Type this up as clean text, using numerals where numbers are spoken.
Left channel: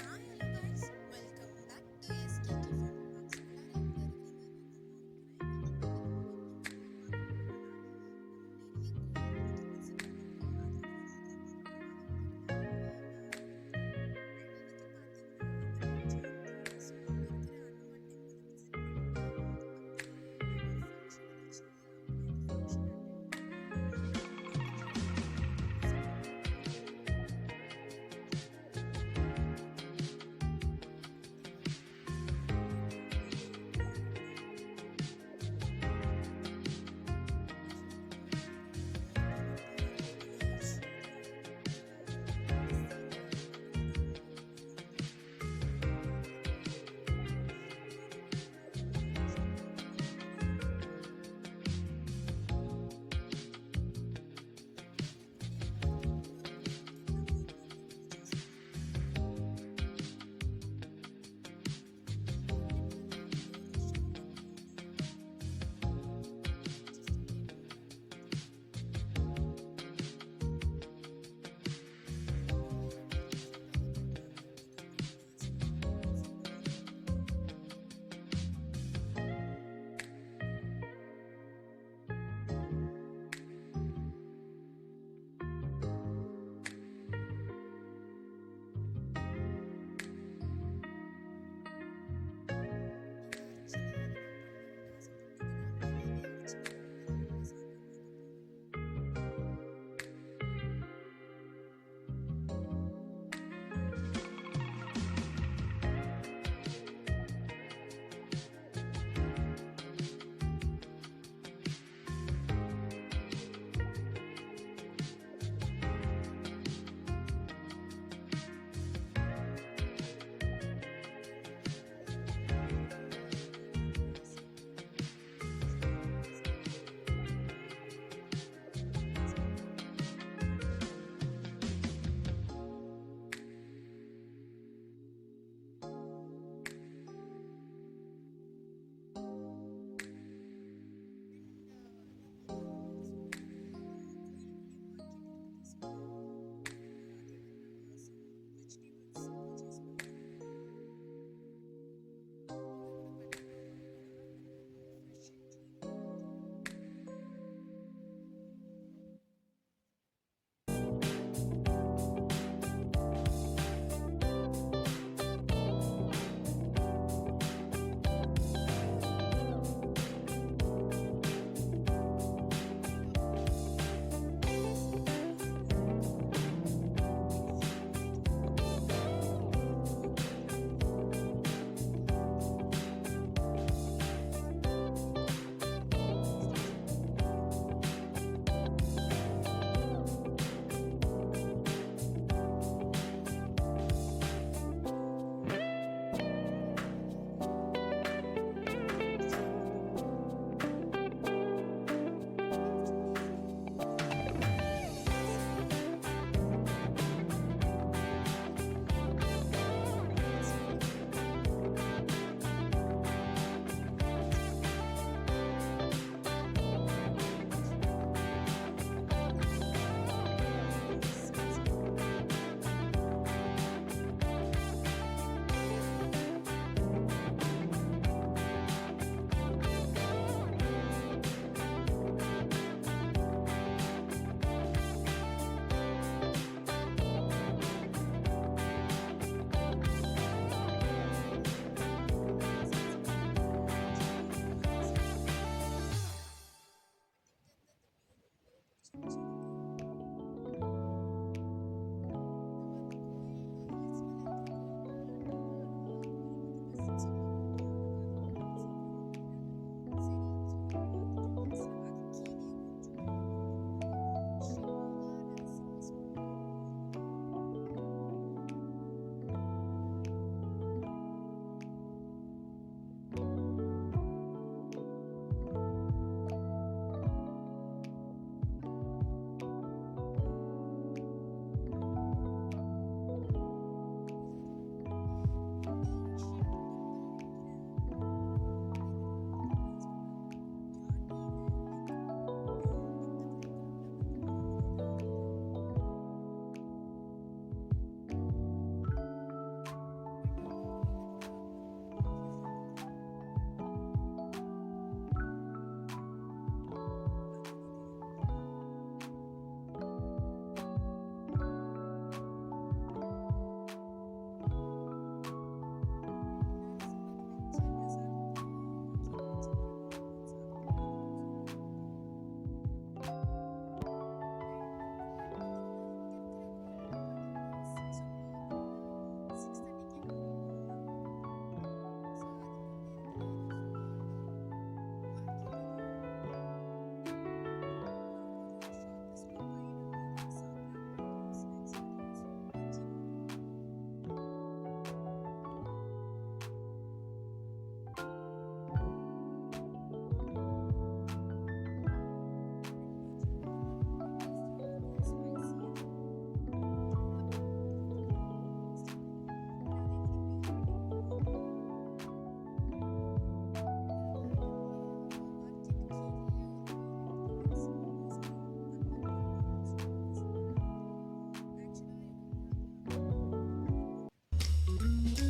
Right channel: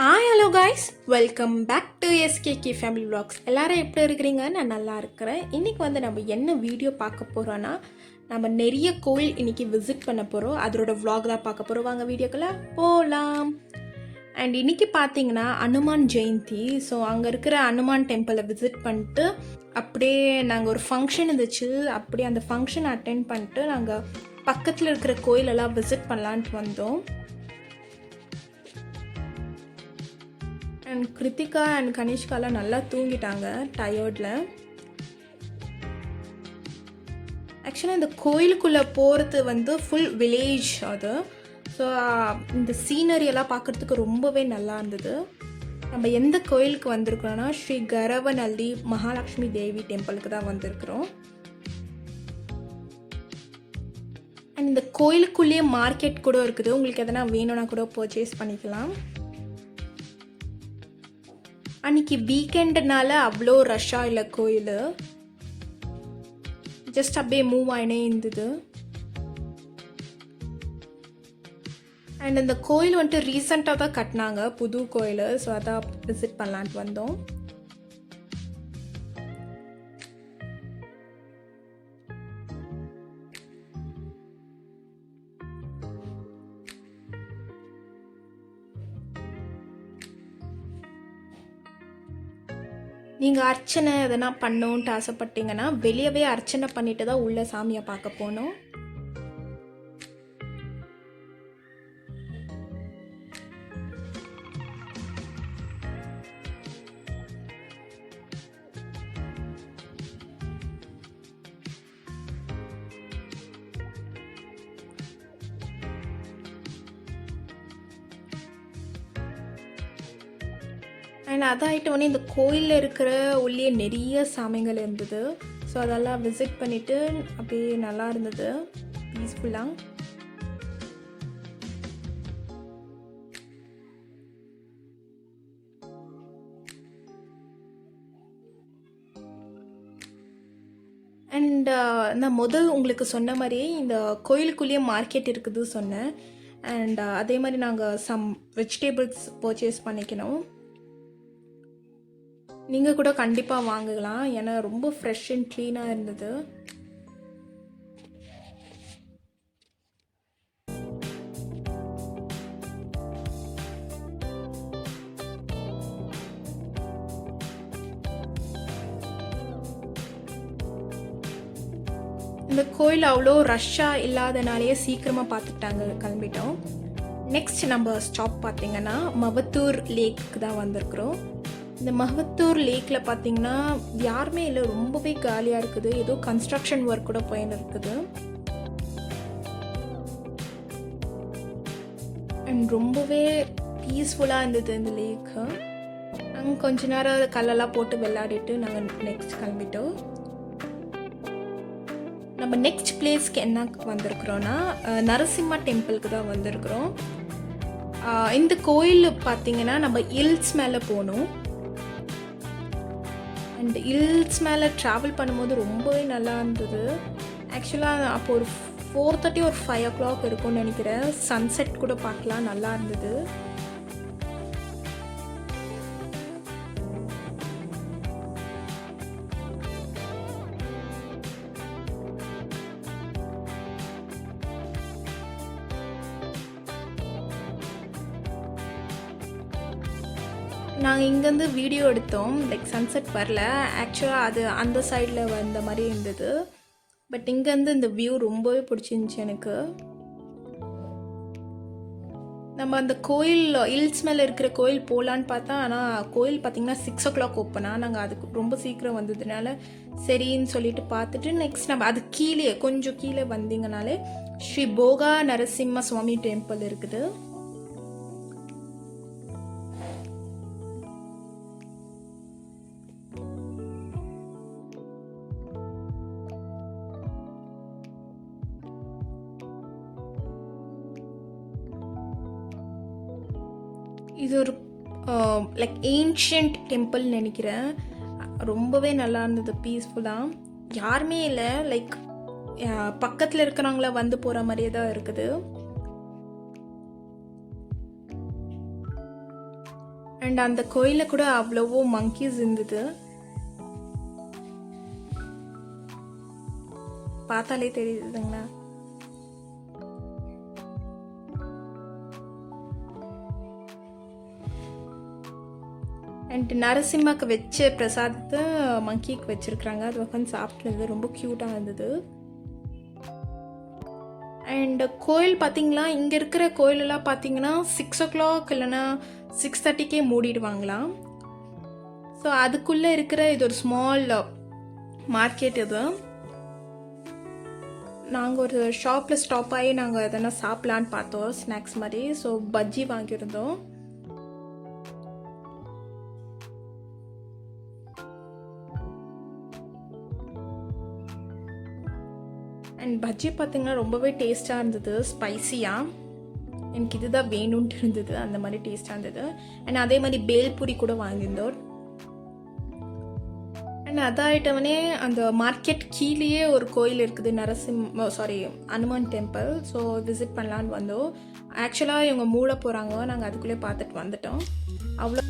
Hello guys, welcome back to SKK family vlogs. எல்லாரும் எப்படி இருக்கிறீங்க? நான் நல்லா இருக்கிறேன். இன்றைக்கி நம்ம என்ன வீடியோ பார்க்க போகிறோன்னா, நம்ம நிறைய கோயில் இன்றைக்கி விசிட் பண்ண போகிறோம். அதோட விளாக் தான் பார்க்க போகிறோம். வாங்க வீடியோக்குள்ளே போகலாம். அண்ட் இன்றைக்கி பார்த்தீங்கன்னா அனுமான் ஜெயந்தி. ஸோ அங்கே இருக்கிற அனுமான் டெம்பிளை விசிட் பண்ணிட்டு அப்படியே நாங்கள் ஒரு ஃபங்க்ஷன் இருந்துச்சு, அப்படியே அந்த ஃபங்க்ஷன் அட்டென்ட் பண்ணிட்டு நாங்கள் பக்கத்தில் இருக்கிற கோயிலெல்லாம் விசிட் பண்ணலான்ட்டு வந்தோம். அண்ட் கிருத்திகா அண்ட் கனிஷ்காலாம் நல்லா தூங்கிட்டாங்க டயர்டில். ஆக்சுவலாக இந்த கோயிலுக்குள்ளே போகிறது ஃபுல் வில்லேஜ் அது. ஸோ இந்த சீனரியெல்லாம் பார்க்குறதுக்கு ரொம்பவே நல்லா இருந்தது. நம்ம எந்த கோயிலுக்கு வந்திருக்கிறோன்னா ஸ்ரீ கரவநல்லி மகாலட்சுமி தேவி டெம்பிளுக்கு தான் வந்திருக்கிறோம். அண்ட் இந்த கோயிலுக்குள்ளேயே மார்க்கெட் கூட இருக்குது. உங்களுக்கு எதனா வேணும்னா கூட பர்ச்சேஸ் பண்ணிக்கலாம். அன்றைக்கி வீக்கெண்டுனால அவ்வளோ ரஷ்ஷாக இல்லை கோயில், ஜஸ்ட் அப்படியே மூவ் ஆகினே இருந்தது. அண்ட் இந்த கோயில் ரீசெண்டாக தான் கட்டினாங்க, புது கோயில். ஸோ அதான் விசிட் பண்ணலான்ட்டு வந்தோம். நீங்கள் அர்ச்சனை எதனா பண்ணணுன்ட்டு ஆசைப்பட்டீங்கன்னா வெளியவே அர்ச்சனை பண்ணிட்டு தான் உள்ள சாமியை பார்க்க போகணும். அண்ட் அதாகிட்டு இந்த கோயிலில் இருக்கிற உள்ளே நிறைய சாமிகள் இருந்தது. ஸோ அதெல்லாம் விசிட் பண்ணிவிட்டு அப்படியே நல்லா இருந்தது, பீஸ்ஃபுல்லாக. அண்ட் நான் உங்களுக்கு சொன்ன மாதிரியே இந்த கோயிலுக்குள்ளேயே மார்க்கெட் இருக்குது சொன்னேன். அண்ட் அதே மாதிரி நாங்கள் சம் வெஜிடபிள்ஸ் பர்ச்சேஸ் பண்ணிக்கணும். நீங்கள் கூட கண்டிப்பாக வாங்கலாம், ஏன்னா ரொம்ப ஃப்ரெஷ் அண்ட் க்ளீனாக இருந்தது. இந்த கோயில் அவ்வளோ ரஷ்ஷாக இல்லாதனாலேயே சீக்கிரமாக பார்த்துட்டாங்க, கிளம்பிட்டோம். நெக்ஸ்ட் நம்ம ஸ்டாப் பார்த்திங்கன்னா மவத்தூர் லேக்கு தான் வந்திருக்கிறோம். இந்த மஹவத்தூர் லேக்கில் பார்த்தீங்கன்னா யாருமே இல்லை, ரொம்பவே காலியாக இருக்குது. ஏதோ கன்ஸ்ட்ரக்ஷன் ஒர்க் கூட போயின்னு இருக்குது. அண்ட் ரொம்பவே பீஸ்ஃபுல்லாக இருந்தது இந்த லேக்கு. நாங்கள் கொஞ்ச நேரம் கல்லெல்லாம் போட்டு விளையாடிட்டு நாங்கள் நெக்ஸ்ட் கிளம்பிட்டோம். நம்ம நெக்ஸ்ட் பிளேஸ்க்கு என்ன வந்திருக்கிறோன்னா நரசிம்மா டெம்பிளுக்கு தான் வந்திருக்கிறோம். இந்த கோயில் பார்த்தீங்கன்னா நம்ம ஹில்ஸ் மேலே போகணும். அந்த ஹில்ஸ் மேலே ட்ராவல் பண்ணும்போது ரொம்பவே நல்லா இருந்தது. ஆக்சுவலாக அப்போ ஒரு 4:30 ஒரு 5 o'clock இருக்கும்னு நினைக்கிறேன். சன்செட் கூட பார்க்கலாம், நல்லா இருந்தது. நாங்கள் இங்கேருந்து வீடியோ எடுத்தோம், லைக் சன்செட் வரல. ஆக்சுவலாக அது அந்த சைடில் வந்த மாதிரி இருந்தது. பட் இங்கேருந்து இந்த வியூ ரொம்பவே பிடிச்சிருந்துச்சி எனக்கு. நம்ம அந்த கோயில் ஹில்ஸ் மேலே இருக்கிற கோயில் போகலான்னு பார்த்தா, ஆனால் கோயில் பார்த்திங்கன்னா 6 o'clock ஓப்பனாக. நாங்கள் அதுக்கு ரொம்ப சீக்கிரம் வந்ததுனால சரின்னு சொல்லிட்டு பார்த்துட்டு நெக்ஸ்ட் நம்ம அது கீழே கொஞ்சம் கீழே வந்தீங்கனாலே ஸ்ரீ போகா நரசிம்ம சுவாமி டெம்பிள் இருக்குது. இது ஒரு லைக் ஏன்ஷியன்ட் டெம்பிள்னு நினைக்கிறேன். ரொம்பவே நல்லா இருந்தது, பீஸ்ஃபுல்லாக. யாருமே இல்லை, லைக் பக்கத்தில் இருக்கிறவங்கள வந்து போகிற மாதிரியே தான் இருக்குது. அண்ட் அந்த கோயிலில் கூட அவ்வளவோ மங்கீஸ் இருந்தது, பார்த்தாலே தெரியுதுங்களா. அண்ட் நரசிம்மாவுக்கு வச்ச பிரசாதத்தை மங்கிக்கு வச்சுருக்குறாங்க, அது உட்காந்து சாப்பிட்றது ரொம்ப க்யூட்டாக இருந்தது. அண்ட் கோயில் பார்த்திங்களா, இங்கே இருக்கிற கோயிலெல்லாம் பார்த்தீங்கன்னா 6 o'clock இல்லைன்னா 6:30க்கே மூடிடுவாங்களாம். ஸோ அதுக்குள்ளே இருக்கிற இது ஒரு ஸ்மால் மார்க்கெட். இது நாங்கள் ஒரு ஷாப்பில் ஸ்டாப் ஆகி நாங்கள் எதனா சாப்பிட்லான்னு பார்த்தோம், ஸ்நாக்ஸ் மாதிரி. ஸோ பஜ்ஜி வாங்கியிருந்தோம். அண்ட் பஜ்ஜி பார்த்திங்கன்னா ரொம்பவே டேஸ்ட்டாக இருந்தது, ஸ்பைஸியாக. எனக்கு இதுதான் வேணும்ன்ட்டு இருந்தது, அந்த மாதிரி டேஸ்ட்டாக இருந்தது. அண்ட் அதே மாதிரி பேல்பூரி கூட வாங்கியிருந்தோம். அண்ட் அதாயிட்டவனே அந்த மார்க்கெட் கீழேயே ஒரு கோயில் இருக்குது, ஹனுமான் டெம்பிள். ஸோ விசிட் பண்ணலான்னு வந்தோம். ஆக்சுவலாக இவங்க மூட போகிறாங்க, நாங்கள் அதுக்குள்ளே பார்த்துட்டு வந்துட்டோம். அவ்வளோ